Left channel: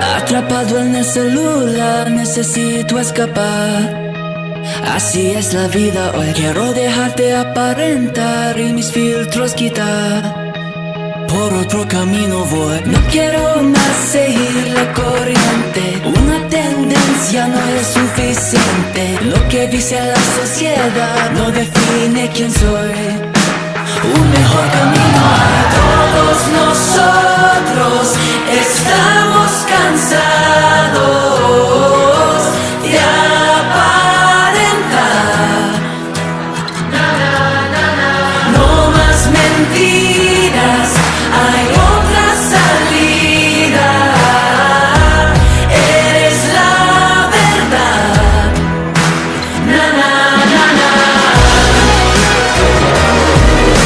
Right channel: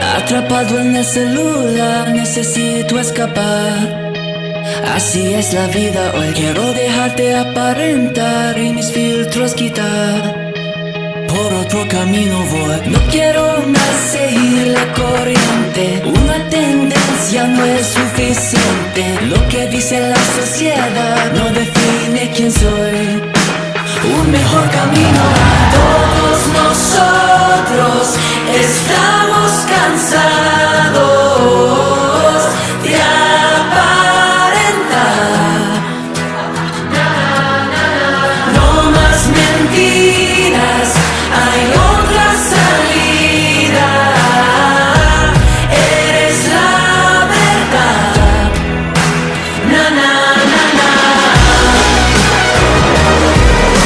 Atrapado en el celular, necesito escapar. Así es la vida hoy. Quiero dejarte aparentar y mis filtros quitar. Por otro camino voy. No quiero más seguir la corriente. Una tendencia no es suficiente. Lo que dice la sociedad no define quién soy.